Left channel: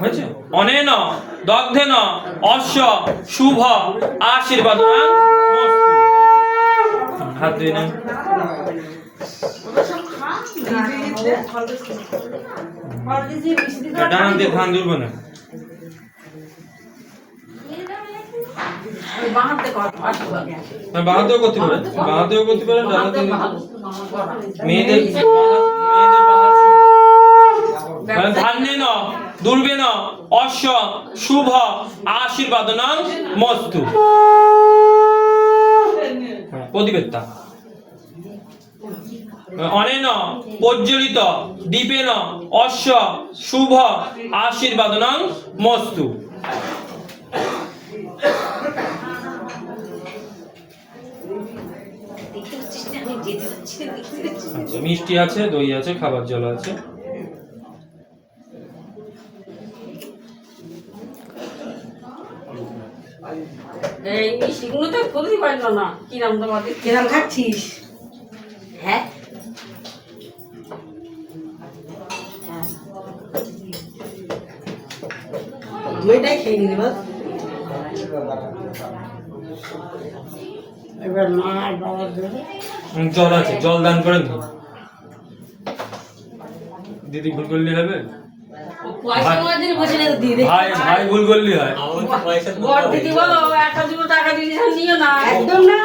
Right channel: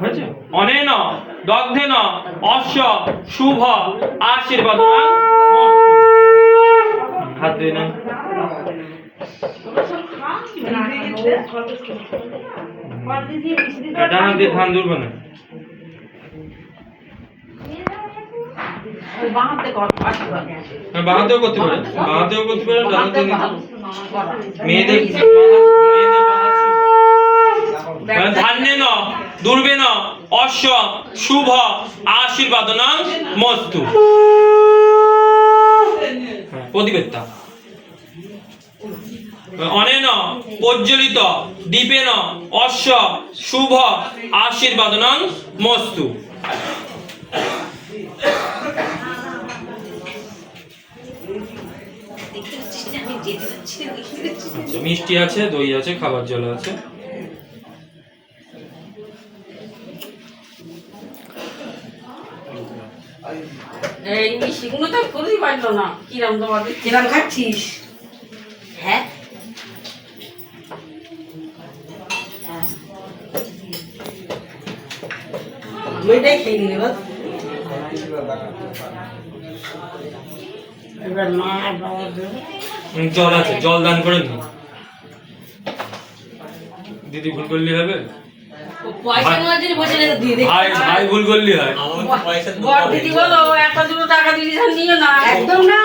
হয়েছে? অনেন দগ্ধেন অশ্ব শুভ আশীর্বাদ হাত ধুয়ে না ডান দিয়ে ধান ধরবো না বাহাতেও করতে পারে মেয়েদের ধান্যেন দুর্বেন অশ্ব শুভ আশীর্বাদন মস্তু প্রতিবেদতা অনেন প্রজ্বলিত দীপেন অশ্ব শুভ আশীর্বাদন মস্তু মিষ্টি আছে দই আছে খাবার জল আছে এই মিষ্টিগুলো তো খুবই পাইল না কিরম তোমাদের কিরম খাচ্ছিস হ্যাঁ দুইটাই খেয়ে নিবি বল এবার মা আর বাবা দেবে জল আছে জল দান করে নি দিদি ভুল করলে হবে পয়সা মাঝে বসে দিয়ে দে ভাই ভাই ভুল করলে হয় বড় দিদি বলো একটা দুটো টাকা দিদি নিয়ে না একদম না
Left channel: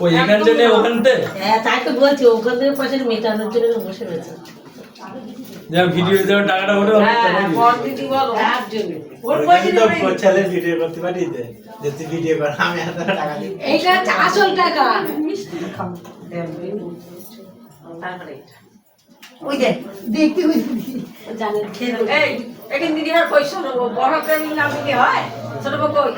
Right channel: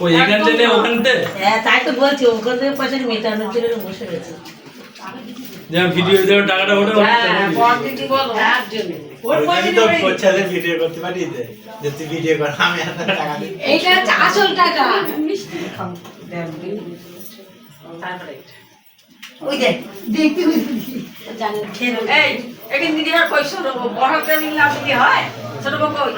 ওই এখান থেকে ওখান থেকে হ্যাঁ তাই তো বলছি ওখান থেকে পয়সা মেটানোর জন্য বসে রয়েছে যা ভিডিও যা টাকাটা ওটা হ্যাঁ বড় দিদি বলো তার জন্য ওর পয়সা তো পছালে ভিডিও করতে পারি দে যদি ভিডিও কর আমি এত টাকা দিই এইটা হচ্ছে আসল টাকা ওই যে দেখতে জানেন খেয়ে এই এখান দিদি আর কইছো বড় করে না দিদি হয় ছোট বড় কই